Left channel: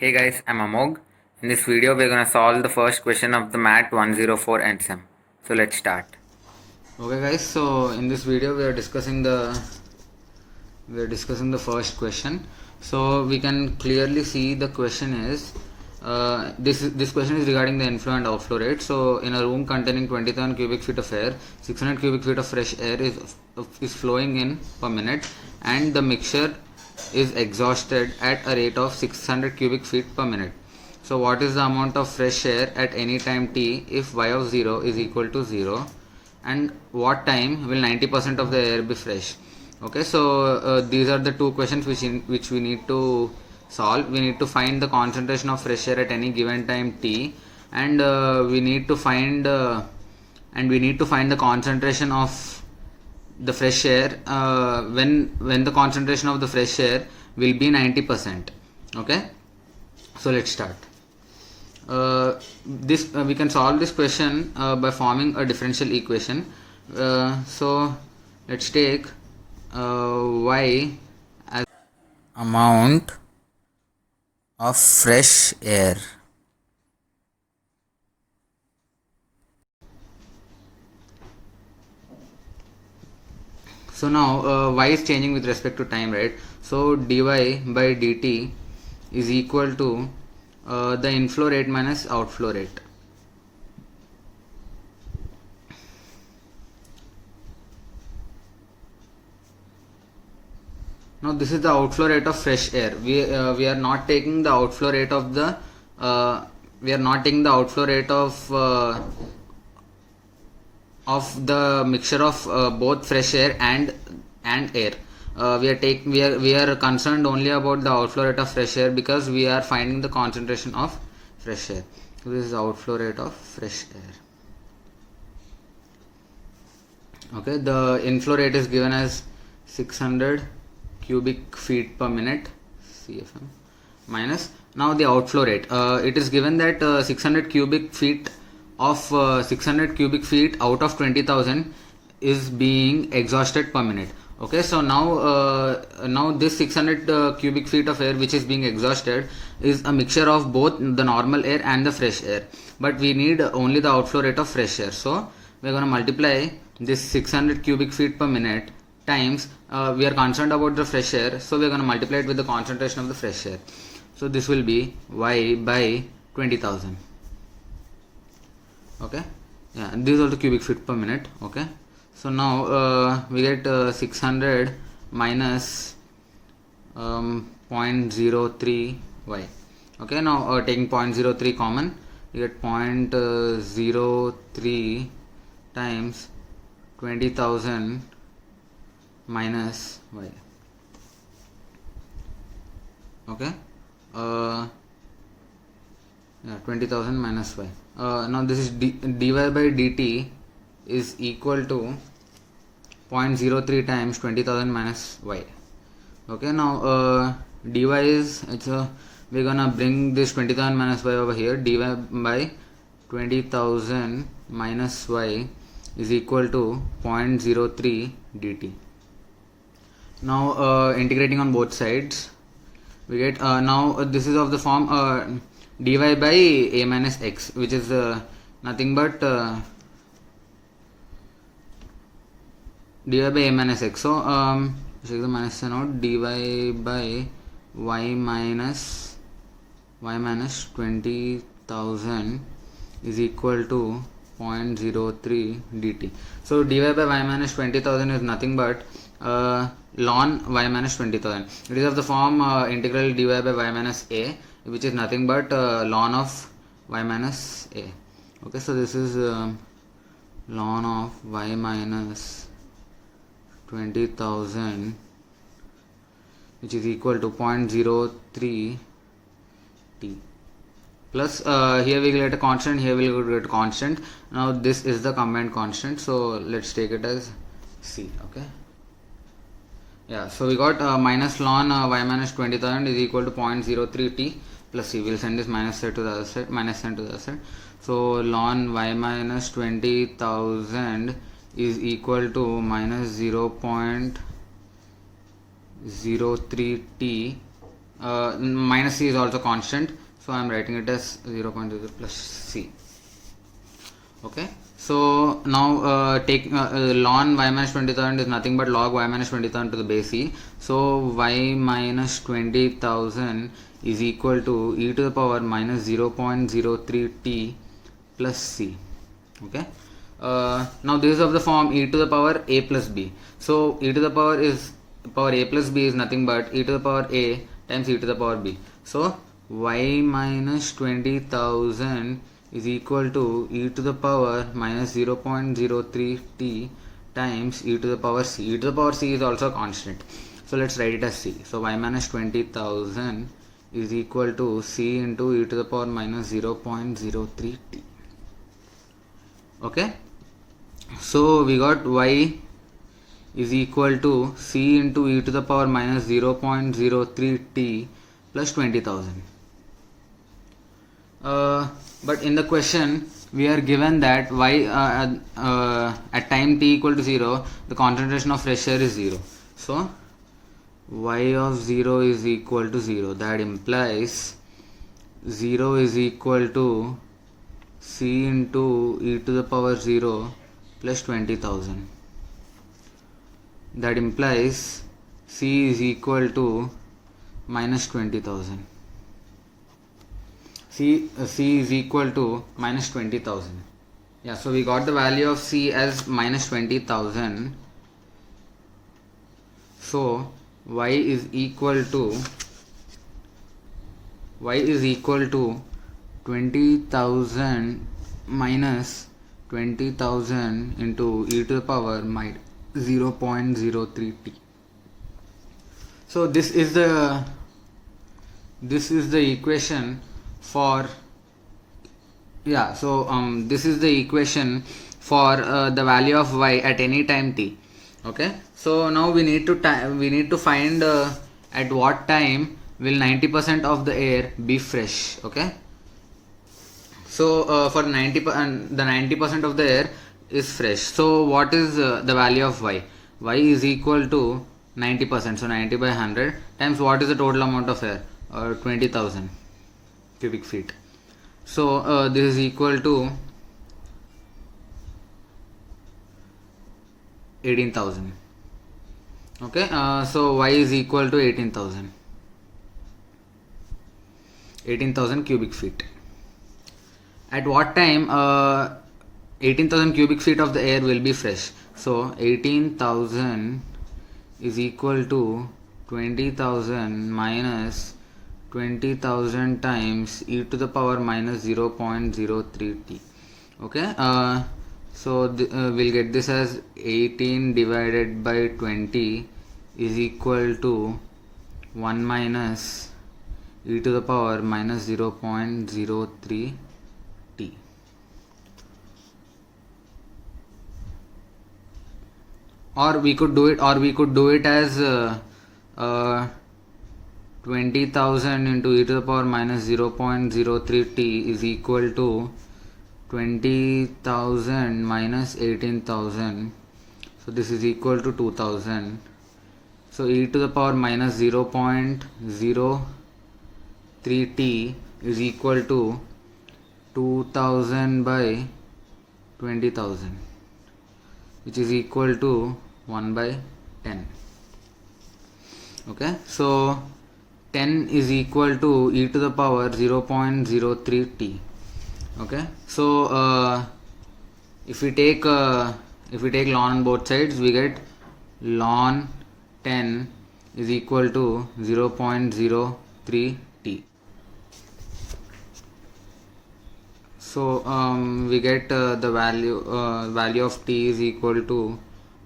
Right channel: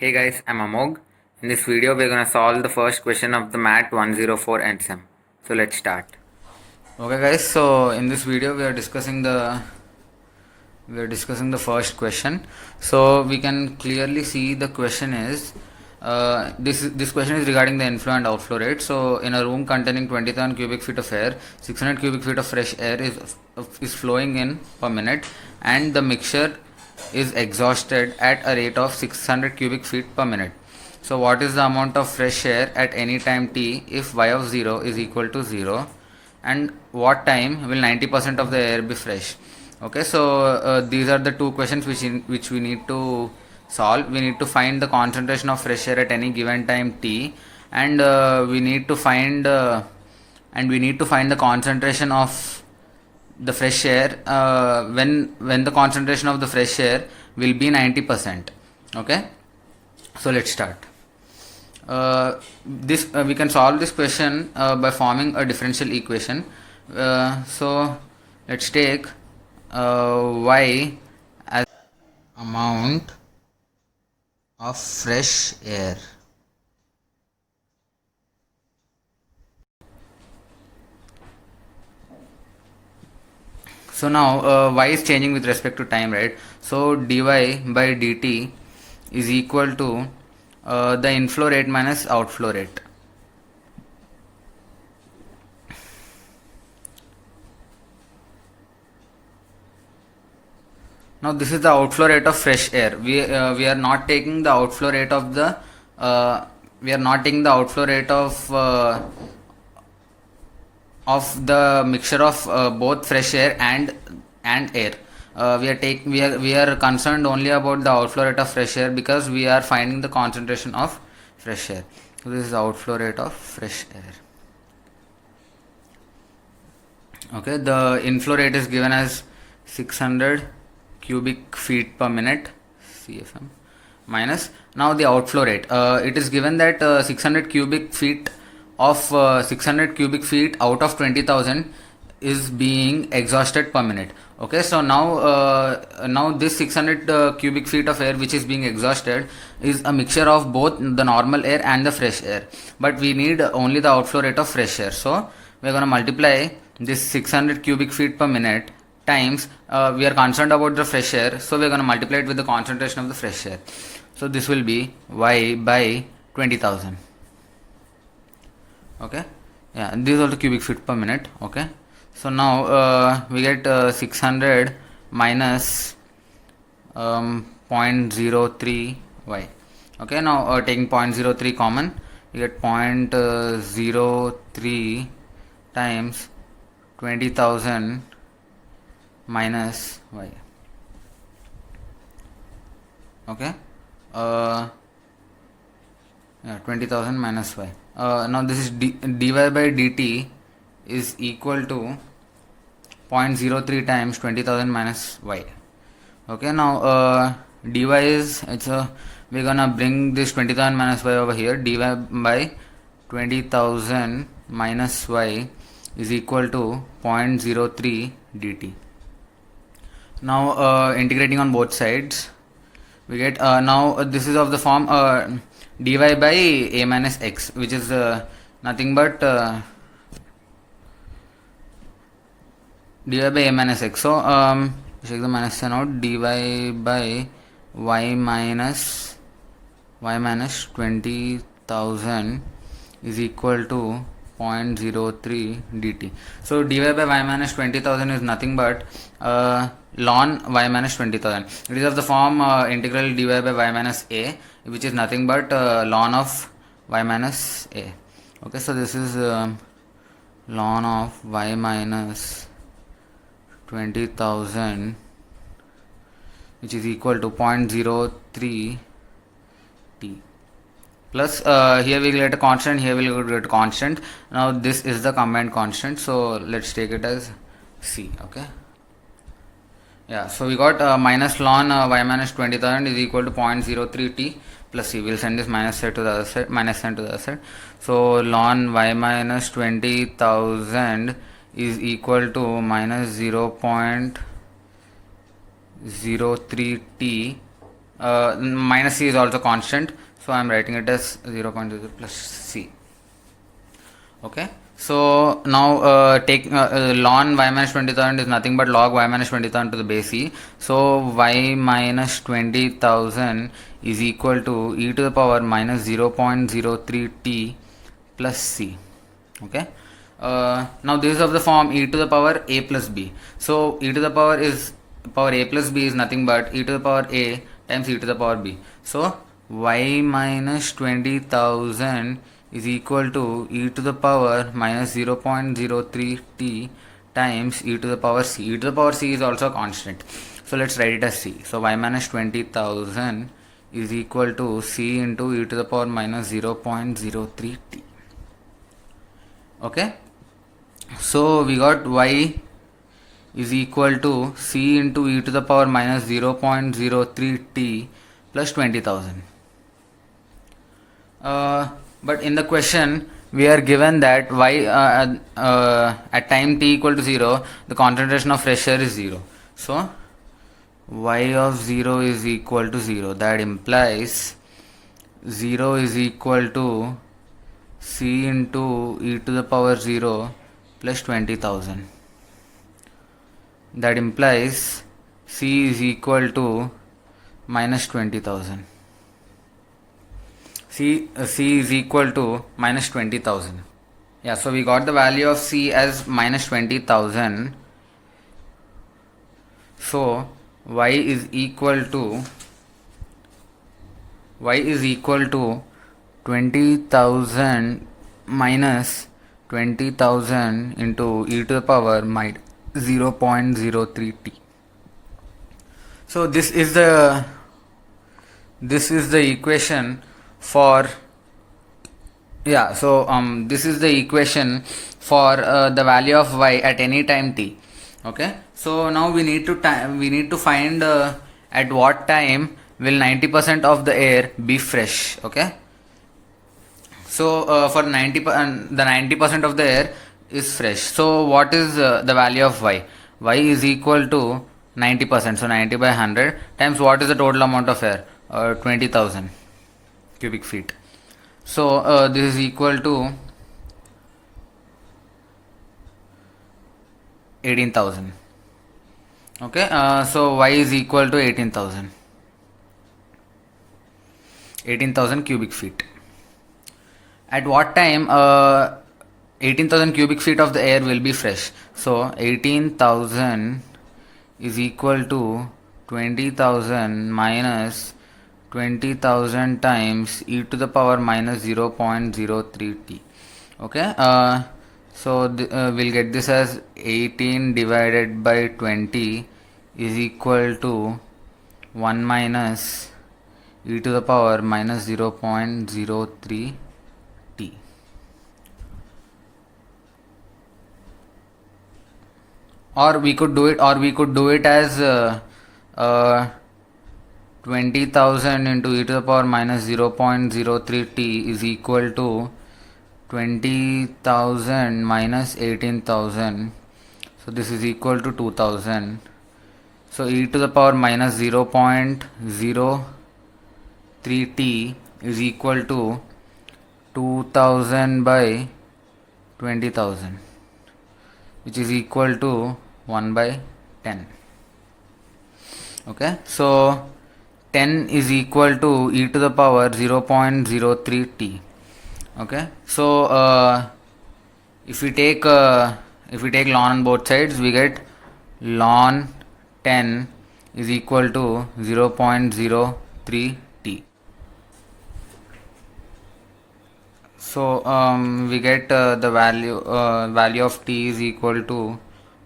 Hey guys, I'm Amog. In this video, we're gonna solve the first question of the MAT 104 end sem. So let's start. Okay guys, so in this video we are discussing the first question. So we can clearly see the question is this question is regarding the inflow and outflow rate. So in a room containing 20,000 cubic feet of air, 600 cubic feet of fresh air is flowing in per minute, and the mixture is exhausted at a rate of 600 cubic feet per minute. So what is the amount of fresh air at any time t if y of 0 is equal to 0, and what time will 90% of the air be fresh? Okay, so these are the two questions which we need to solve. We need to find the concentration of fresh air at any given time t, and we need to find the concentration of the fresh air when the concentration of the fresh air will be 90%. Okay, so let's start. This we can solve this question by forming a differential equation. So let's take y as amount of fresh air. So now y is changing with respect to time, right? So dy by dt is equal to the inflow rate minus outflow rate. Now this is the outflow rate of fresh air. We are not taking the outflow rate of the mixture of both fresh air and air. We are concerned only about the outflow rate of fresh air because we are finding the concentration of fresh air. So this is the outflow rate of fresh air. Okay, the inflow rate is given as 600 cubic feet per minute CFM minus now the outflow rate. It is given that 600 cubic feet out of 20,000 is being exhausted per minute. Okay, so now this 600 cubic feet of air which is being exhausted is a mixture of both the normal air and the fresh air, but we need only the outflow rate of fresh air. So we are going to multiply this 600 cubic feet per minute times we are concerned about the fresh air, so we are going to multiply it with the concentration of the fresh air. So this will be y by 20,000. Okay, yeah, these are the cubic feet per minute. Okay, so now we get 600 minus 0.03 y. Okay, now taking 0.03 common, you get 0.03 times 20,000 minus y. Okay, yeah, 20,000 minus y. Now this is dy by dt is equal to 0.03 times 20,000 minus y. Okay, now dy is we're gonna bring this 20,000 minus y over here. Dy by 20,000 minus y is equal to 0.03 dt. Now integrating on both sides, we get now this is of the form dy by a minus x, which is nothing but dy by a minus x. So check the minus sign out. Dy by y minus 20,000 is equal to 0.03 dt. So dy by y minus 20,000 is nothing but ln y minus 20,000. It is of the form integral dy by y minus a, which is nothing but ln of y minus a. Okay, so this is ln of y minus 20,000, which is equal to 0.03 t. Plus here we will get a constant, here we will get a constant. Now this is the combined constant, so let's take it as c. Okay, yeah, so we got minus ln y minus 20,000 is equal to 0.03 t plus c. We'll send this minus sign to the other side, so ln y minus 20,000 is equal to minus 0.03 t minus c is also constant, so I am writing it as 0.00 plus c. Okay, so now take ln y minus 20,000 is nothing but log y minus 20,000 to the base e. So y minus 20,000 is equal to e to the power minus 0.03 t plus c. Okay, now this is of the form e to the power a plus b. So e to the power a plus b is nothing but e to the power a times e to the power b. So y minus 20,000 is equal to e to the power minus 0.03 t times e to the power c. E to the power c is also a constant, so let's write it as c. So y minus 20,000 is equal to c into e to the power minus 0.03 t. Okay, so we got y is equal to c into e to the power minus 0.03 t plus 20,000. But in the question we are given that y at time t equal to 0 the concentration of fresh air is 0. So y of 0 is equal to 0. That implies 0 is equal to c into e to the power 0 plus 20,000. That implies c is equal to minus 20,000. C is equal to minus 20,000. Yeah, so we got the value of c as minus 20,000. So y is equal to 20,000 minus 20,000 into e to the power minus 0.03 t. So this is the equation for this is the equation for the value of y at any time t. Okay, so now we need to find at what time will 90% of the air be fresh. Okay, so for the 90% of the air is fresh. So what is the value of y? Y is equal to 90%, so 90 by 100 times what is the total amount of air? 20,000 cubic feet. So this is equal to 18,000. Okay, so y is equal to 18,000 cubic feet. At what time 18,000 cubic feet of the air will be fresh? So 18,000 is equal to 20,000 minus 20,000 times e to the power minus 0.03 t. Okay, so we'll get this as 18 divided by 20 is equal to 1 minus e to the power minus 0.03 t. Or we could do it as 20,000 into e to the power minus 0.03 t is equal to 20,000 minus 18,000. So this is equal to 2,000. So e to the power minus 0.03 t is equal to 2,000 by 20,000, which is equal to 1 by 10. Okay, so 10 is equal to e to the power 0.03 t. Okay, so if we take ln on both sides, we get ln 10 is equal to 0.03 t. So we get the value of t is equal to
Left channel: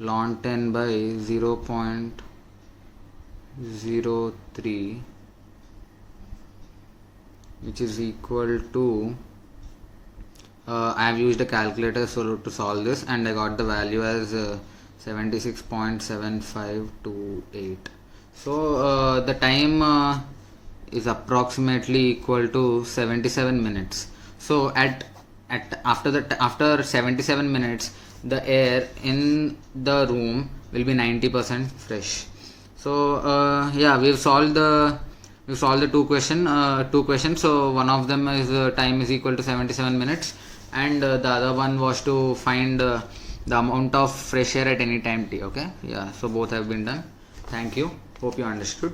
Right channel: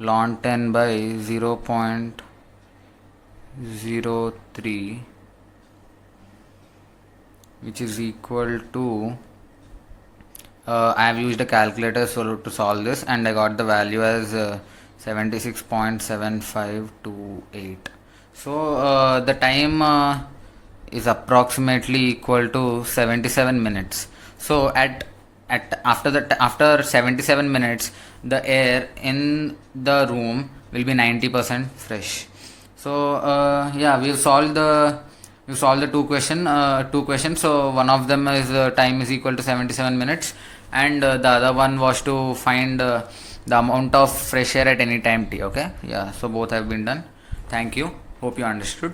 ln 10 by 0.03, which is equal to I have used a calculator to solve this, and I got the value as 76.7528. So the time is approximately equal to 77 minutes. So after 77 minutes, the air in the room will be 90% fresh. So yeah, we've solved the you solve the two questions. So one of them is time is equal to 77 minutes, and the other one was to find the amount of fresh air at any time t. Okay, yeah, so both have been done. Thank you, hope you understood.